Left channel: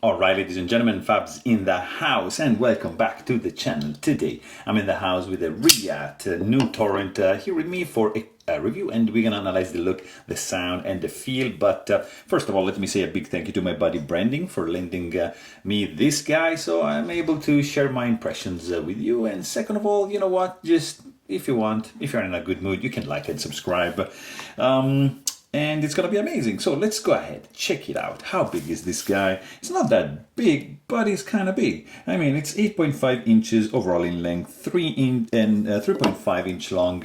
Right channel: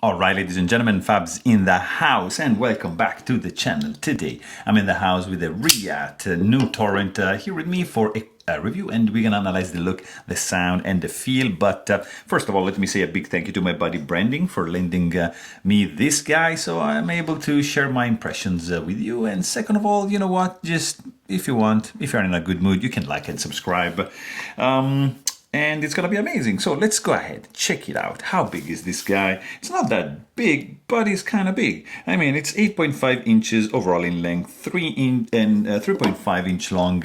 Alright, ladies and gentlemen, Fabs in the house, and welcome back to the channel. Today I'm in the house with the Reate New Torrent here with me for a review, and we're gonna analyze the look, the sound, and the feel. But first of all, let me say a big thank you to my buddy Branding for lending me this guy, so I'm able to share my impressions with you. And second of all, you know what? Just if you want, if you're in a good mood, you can like and subscribe. And it's gonna be amazing. So let's go ahead, check it out. How big is this guy? It's not that big, but it's kind of big. I mean, it's 8.5 inches overall in length, 3.5 inch long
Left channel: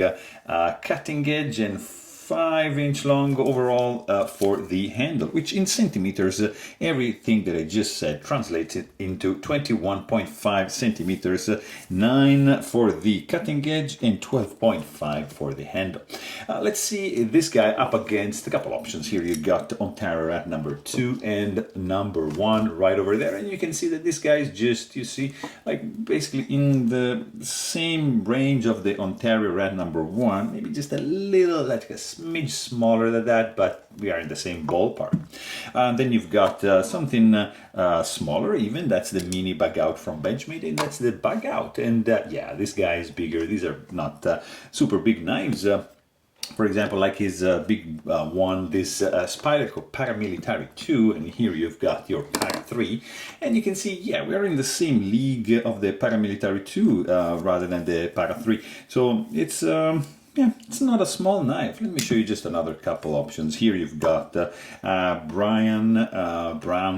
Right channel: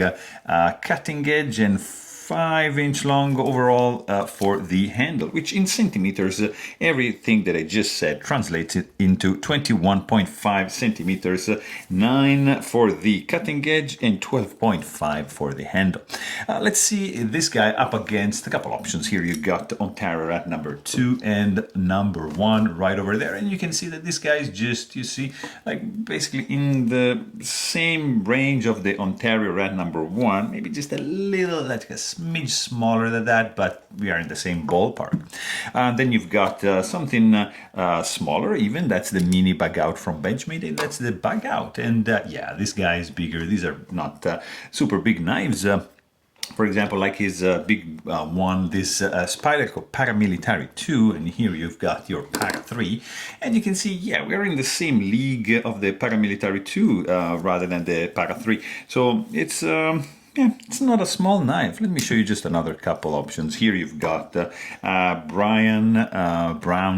cutting edge, and 5-inch long overall for the handle, which in centimeters, everything that I just said translates into 21.5 centimeters, 9 for the cutting edge and 12.5 for the handle. Let's see this guy up against a couple options. Here you got Ontario Rat number 2 and number 1 right over there, and you can see that this guy is just, you see, like basically in the same range of the Ontario Rat number 1, maybe just a little, like a smidge smaller than that, but we are in the same ballpark. Then you've got something smaller even, that's the mini bug out from Benchmade, and that's the bug out. And yeah, this guy is bigger. These are not super big knives. For example, like his big one, this Spyderco Paramilitary 2, and here you've got your Para 3, and you can see, yeah, we're in the same league of the Paramilitary 2 rather than the Para 3. So it's yeah, it's not a small knife. Let me show you just another couple options. Here you've got Brown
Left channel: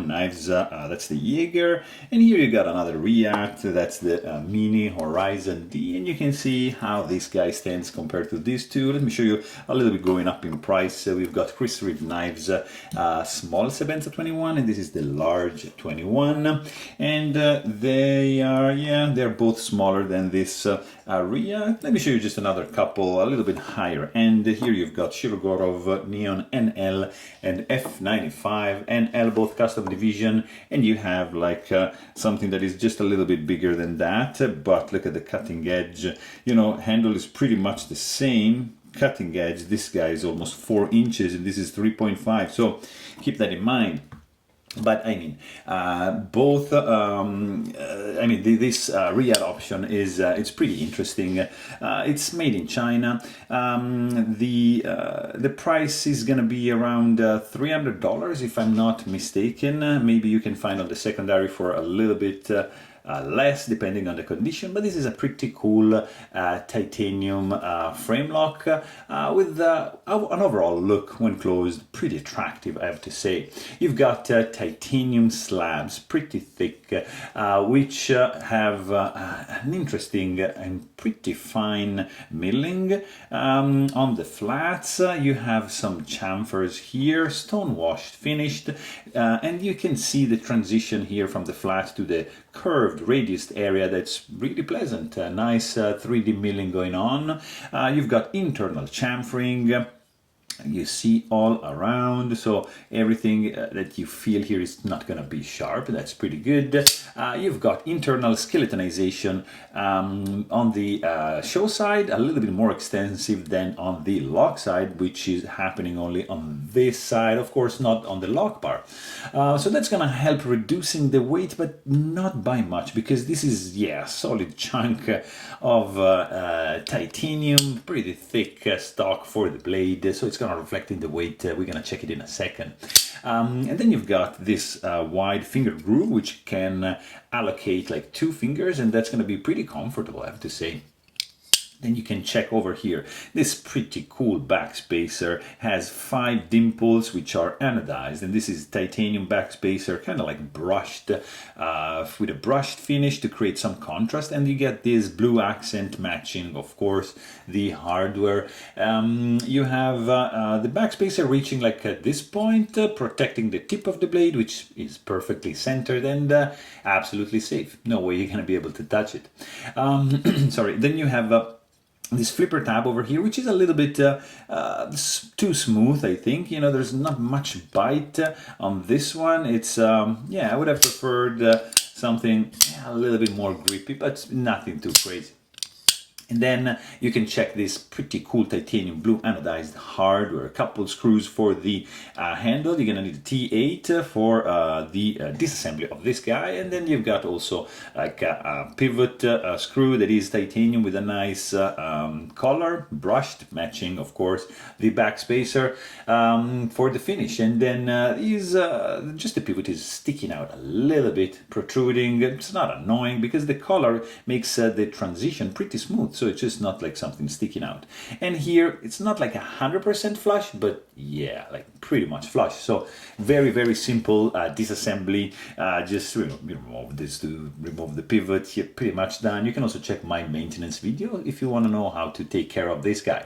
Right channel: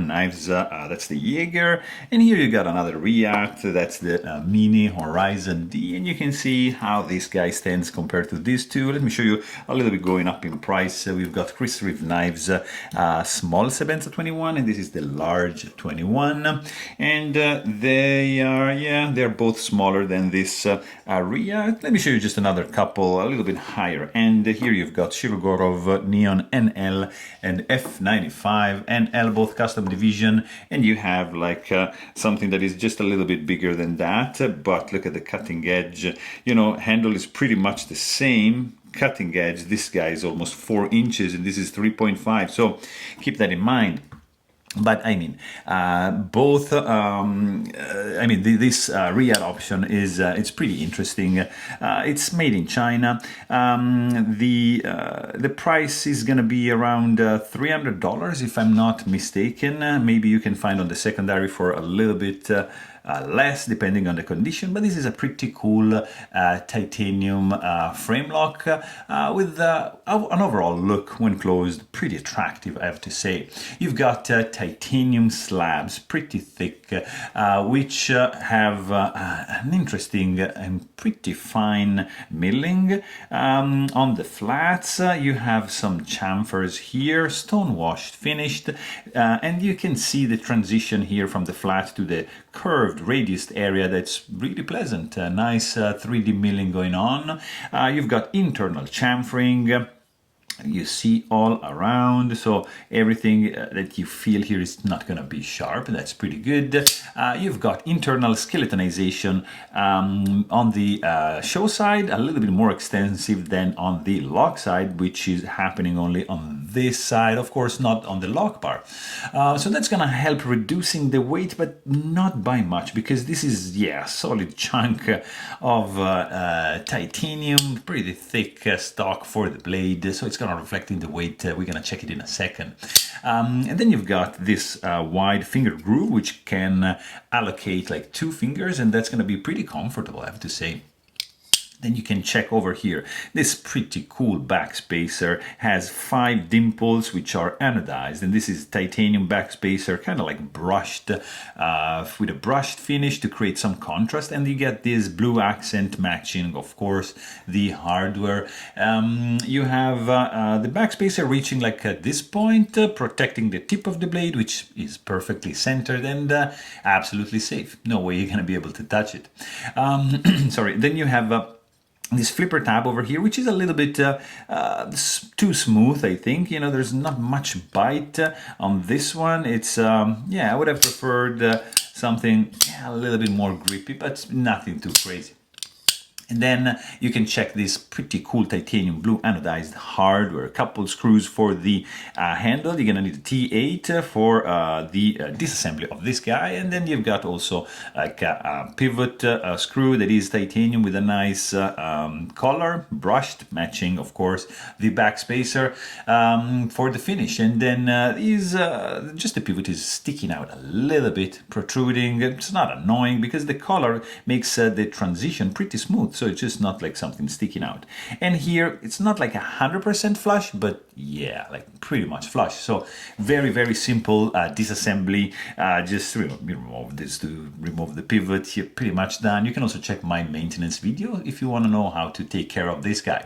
knives, that's the Jaeger, and here you got another Reate, that's the Mini Horizon D, and you can see how this guy stands compared to these two. Let me show you a little bit going up in price. We've got Chris Reeve Knives, small Sebenza 21, and this is the large 21, and they are, yeah, they're both smaller than this Reate. Let me show you just another couple a little bit higher, and here you've got Shirogorov Neon NL and F95 NL, both custom division, and you have like something that is just a little bit bigger than that, but look at the cutting edge, you know, handle is pretty much the same. Cutting edge, this guy is almost 4 inches and this is 3.5, so keep that in mind. But I mean, both. I mean, this Reate option is it's pretty interesting. It's made in China. The price is gonna be around $300 if I'm not mistaken. Maybe you can find on the secondary for a little bit. Less depending on the condition, but this is a pretty cool titanium frame lock with an overall look when closed pretty attractive, I have to say. You've got titanium slabs, pretty thick, which have an interesting and pretty fine milling. On the flats you have some chamfers here, stone washed, finished, and you can see the transition here from the flat to the curved radiused area. That's really pleasant. Nice 3D milling going on. You've got internal chamfering. You see all around, so everything that you feel here is not going to be sharp. That's pretty good. You've got internal skeletonization on the show side, a little bit more extensive than on the lock side, which is happening only on this side, of course not on the lock bar. So that's going to help reducing the weight, but not by much, because this is, yeah, solid chunk of titanium, pretty thick stock for the blade, so it's going to reflect in the weight. We're going to check it in a second. And then you've got this wide finger groove, which can allocate like 2 fingers, and that's going to be pretty comfortable, I have to say. Then you can check over here. This pretty cool backspacer has 5 dimples which are anodized, and this is titanium backspacer, kind of like brushed with a brushed finish to create some contrast, and you get this blue accent matching, of course, the hardware. You have the backspacer reaching like at this point, protecting the tip of the blade, which is perfectly centered and absolutely safe. No way you're going to be able to touch it. Sorry. Then you have this flipper tab over here, which is a little bit too smooth, I think. You know, there's not much bite on this one. It's yeah, I would have preferred something a little bit more grippy, but nothing too crazy. And then you can check this pretty cool titanium blue anodized hardware. A couple screws for the handle. You're gonna need a T8 for the disassembly of this guy. And then you've got also like a pivot screw that is titanium with a nice color, brushed, matching of course the back spacer for the finish. And then just the pivot is sticking out a little bit, protruding. It's not annoying because the color makes the transition pretty smooth. So it's just not like something sticking out. And here it's not like 100% flush, but yeah, like pretty much flush. So very, very simple disassembly. Just remove this to remove the pivot. You're pretty much done. You can also check my maintenance video if you want to know how to take care of this guy.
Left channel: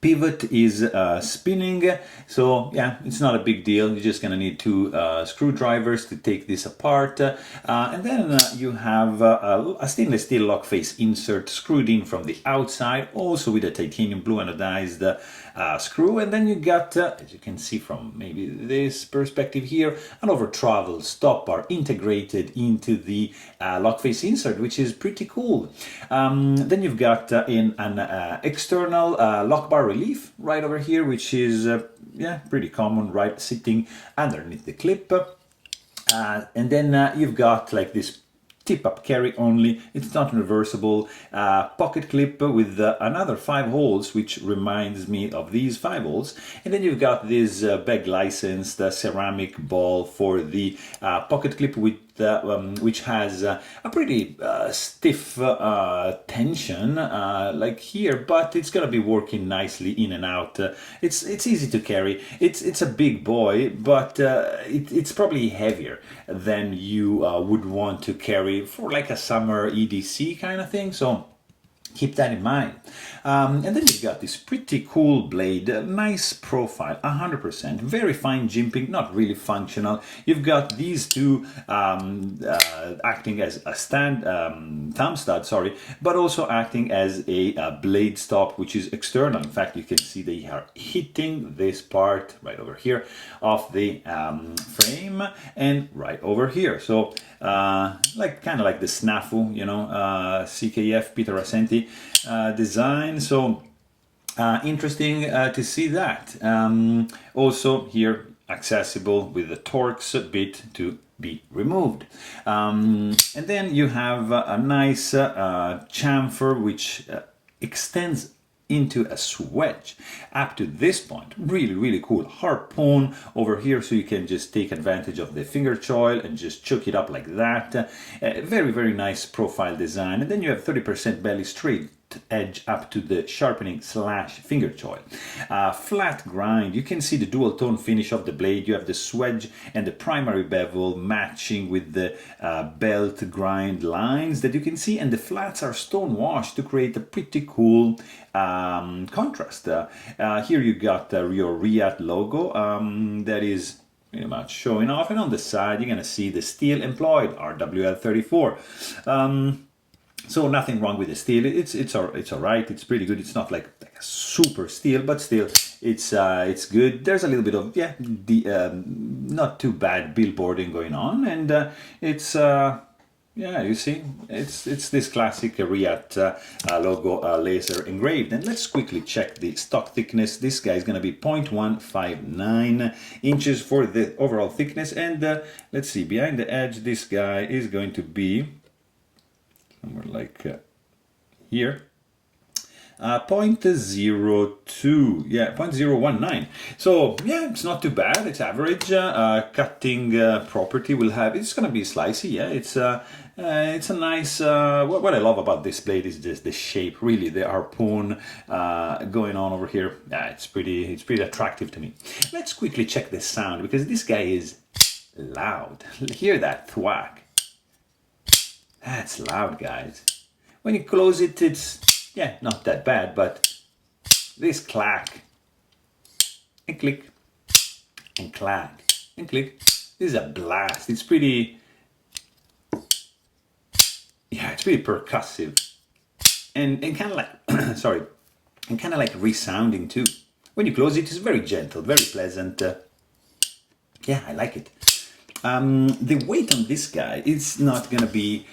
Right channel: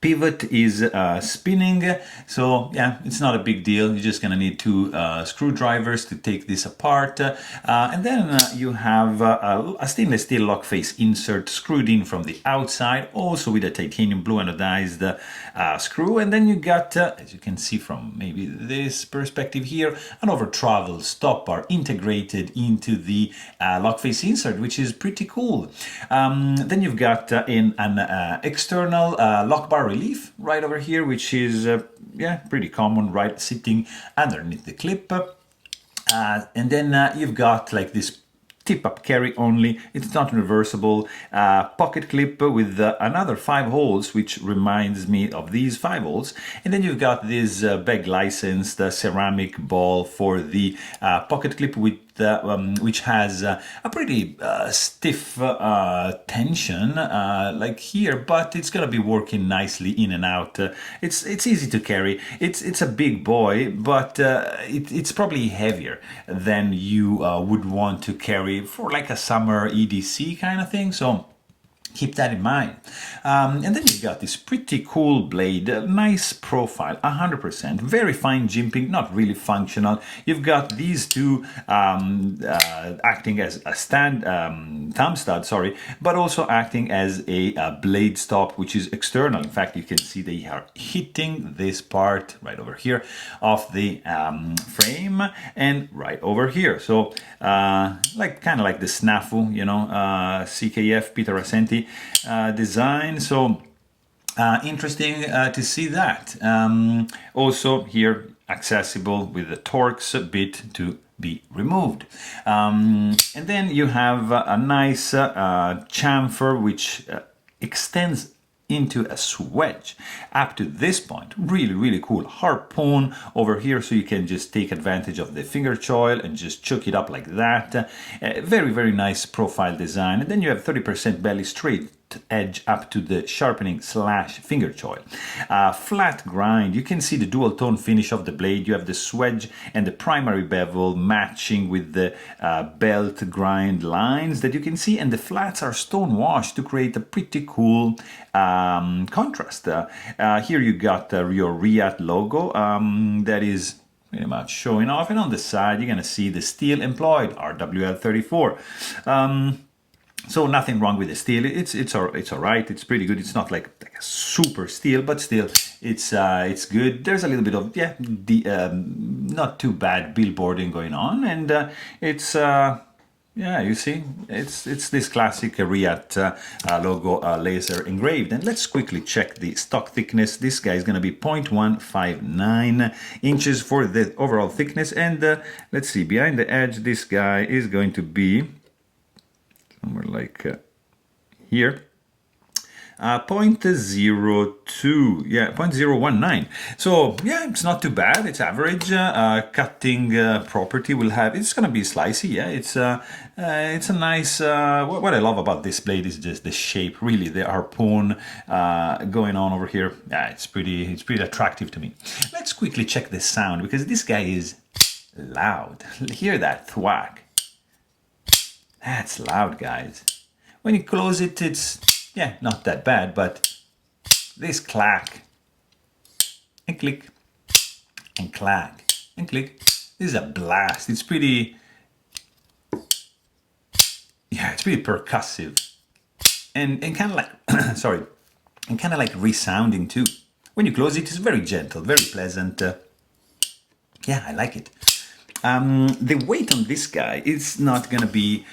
Pivot is spinning, so yeah, it's not a big deal. You're just gonna need two screwdrivers to take this apart, and then you have a stainless steel lock face insert screwed in from the outside, also with a titanium blue anodized screw. And then you got, as you can see from maybe this perspective here, an over travel stop bar integrated into the lock face insert, which is pretty cool. Then you've got an external lock bar relief right over here, which is yeah, pretty common, right, sitting underneath the clip. And then you've got like this tip-up carry only, it's not reversible, pocket clip with another 5 holes, which reminds me of these 5 holes. And then you've got this bag licensed ceramic ball for the pocket clip with which has a pretty stiff tension like here, but it's gonna be working nicely in and out. It's easy to carry. It's a big boy, but it's probably heavier than you would want to carry for like a summer EDC kind of thing. So keep that in mind. And then you've got this pretty cool blade, nice profile, 100%, very fine jimping, not really functional. You've got these two acting as a thumb stud, sorry, but also acting as a blade stop, which is external. In fact, you can see they are hitting this part right over here of the frame and right over here. So like kind of like the snafu, you know, CKF Peter Ascenti design. So interesting to see that. Also here accessible with the Torx bit to be removed. And then you have a nice chamfer which extends into a swedge up to this point. Really cool harpoon over here, so you can just take advantage of the finger choil and just chuck it up like that. Very nice profile design. And then you have 30% belly straight edge up to the sharpening / finger choil. Flat grind, you can see the dual tone finish of the blade. You have the swedge and the primary bevel matching with the belt grind lines that you can see, and the flats are stone washed to create a pretty cool contrast. Here you got your Reate logo that is pretty much showing off, and on the side you're gonna see the steel employed, RWL34. So nothing wrong with the steel. It's all right. It's pretty good. It's not like a super steel, but still it's good. There's a little bit of not too bad billboarding going on, and it's yeah, you see, it's this classic Reate logo laser engraved. And let's quickly check the stock thickness. This guy is going to be 0.159 inches for the overall thickness, and let's see, behind the edge this guy is going to be somewhere like here, 0.02, yeah, 0.019. So yeah, it's not too bad. It's average. Cutting property will have. It's gonna be slicey. Yeah, it's a nice. What I love about this blade is just the shape. Really, the harpoon going on over here. Yeah, it's pretty attractive to me. Let's quickly check the sound, because this guy is loud. Hear that thwack. That's loud, guys. When you close it, it's, yeah, not that bad, but this clack and click and clack and click, this is a blast. It's pretty, yeah, it's pretty percussive and kind of like, sorry, and kind of like resounding too. When you close it, it's very gentle, very pleasant. Yeah, I like it. The weight on this guy is not gonna be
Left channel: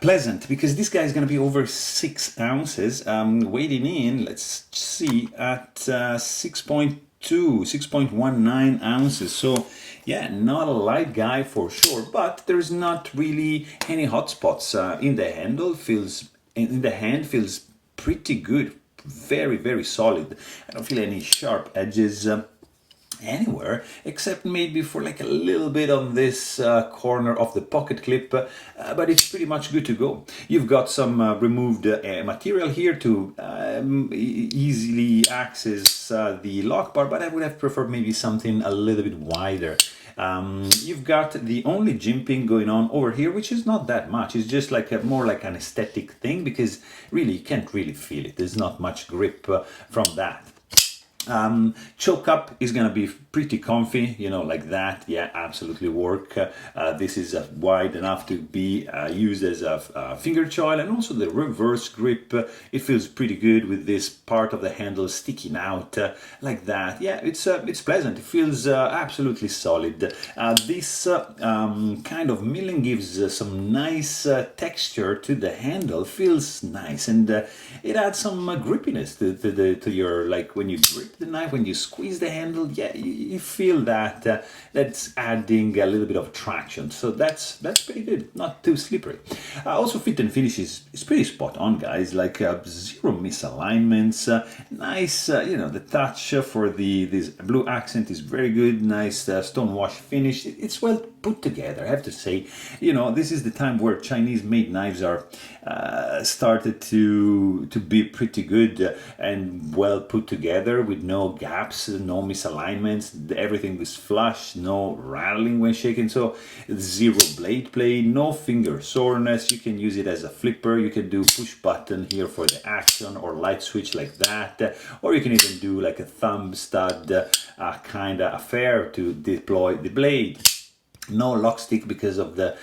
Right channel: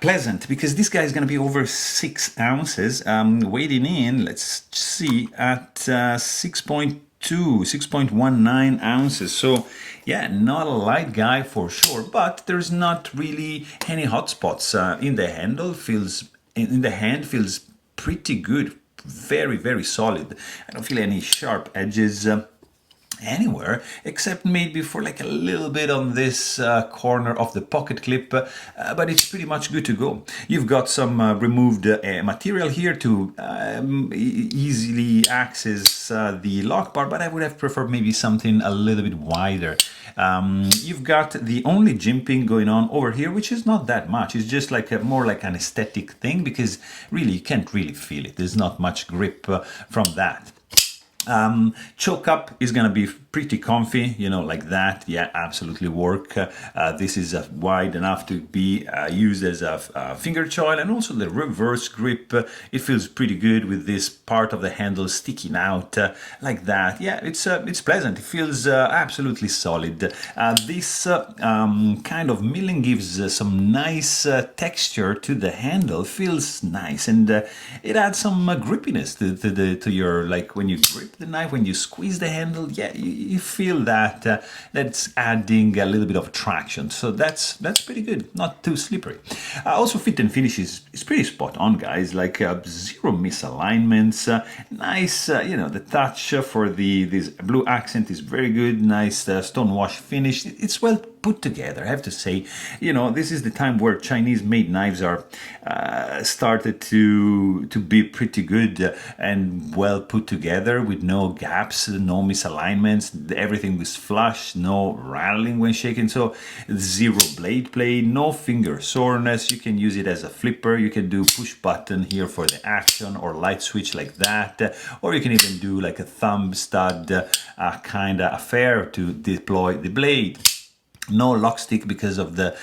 pleasant, because this guy is going to be over 6 ounces, weighing in, let's see, at 6.19 ounces. So yeah, not a light guy for sure, but there's not really any hot spots. In the handle feels, in the hand feels pretty good, very solid. I don't feel any sharp edges anywhere, except maybe for like a little bit on this corner of the pocket clip, but it's pretty much good to go. You've got some removed material here to easily access the lock bar, but I would have preferred maybe something a little bit wider. You've got the only jimping going on over here, which is not that much. It's just like more like an aesthetic thing, because really you can't really feel it. There's not much grip from that. Choke up is gonna be pretty comfy, you know, like that. Yeah, absolutely work. This is wide enough to be used as a finger choil, and also the reverse grip. It feels pretty good with this part of the handle sticking out like that. Yeah, it's pleasant. It feels absolutely solid. This kind of milling gives some nice texture to the handle. Feels nice, and it adds some grippiness to your, like when you grip the knife, when you squeeze the handle. Yeah, you feel that that's adding a little bit of traction. So that's pretty good. Not too slippery. Also, fit and finish is pretty spot on, guys. Like zero misalignments. Nice, you know, the touch for this blue accent is very good. Nice stone wash finish. It's well put together, I have to say. You know, this is the time where Chinese made knives are started to be pretty good and well put together, with no gaps, no misalignments. Everything was flush, no rattling when shaking. So zero blade play, no finger soreness. You can use it as a flipper. You can do push button here for the action, or light switch like that, or you can even do like a thumb stud kind of affair to deploy the blade. No lock stick because of the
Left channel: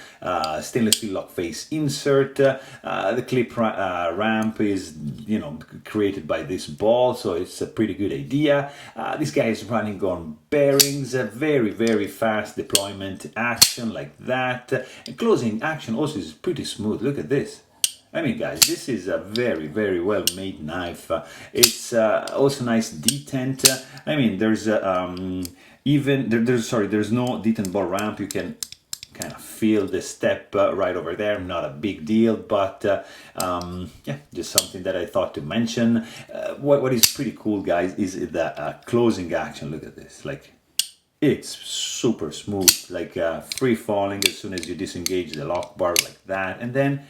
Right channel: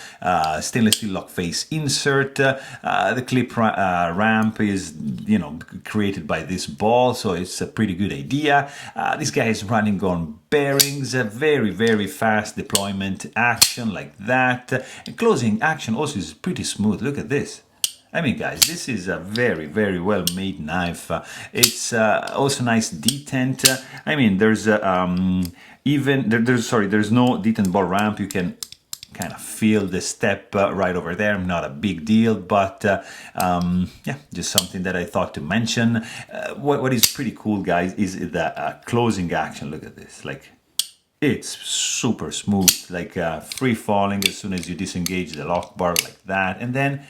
stainless steel lock face insert. The clip ramp is, you know, created by this ball, so it's a pretty good idea. This guy is running on bearings, a very fast deployment action like that. And closing action also is pretty smooth. Look at this. I mean, guys, this is a very well made knife. It's also nice detent. I mean, there's there's no detent ball ramp. You can kind of feel the step right over there. Not a big deal, but yeah, just something that I thought to mention. What is pretty cool, guys, is the closing action. Look at this, like, it's super smooth, like free falling as soon as you disengage the lock bar like that. And then,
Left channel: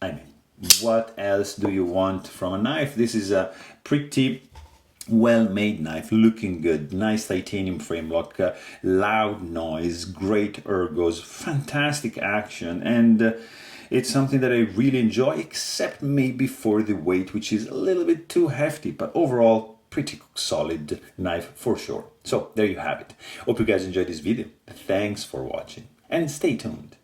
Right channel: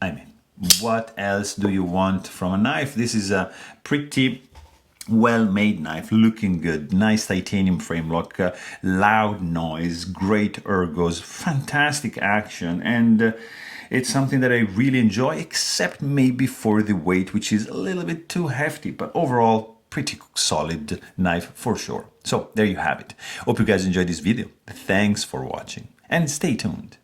I mean, what else do you want from a knife? This is a pretty well-made knife, looking good, nice titanium frame lock, loud noise, great ergos, fantastic action, and it's something that I really enjoy, except maybe for the weight, which is a little bit too hefty, but overall pretty solid knife for sure. So there you have it. Hope you guys enjoyed this video. Thanks for watching, and stay tuned.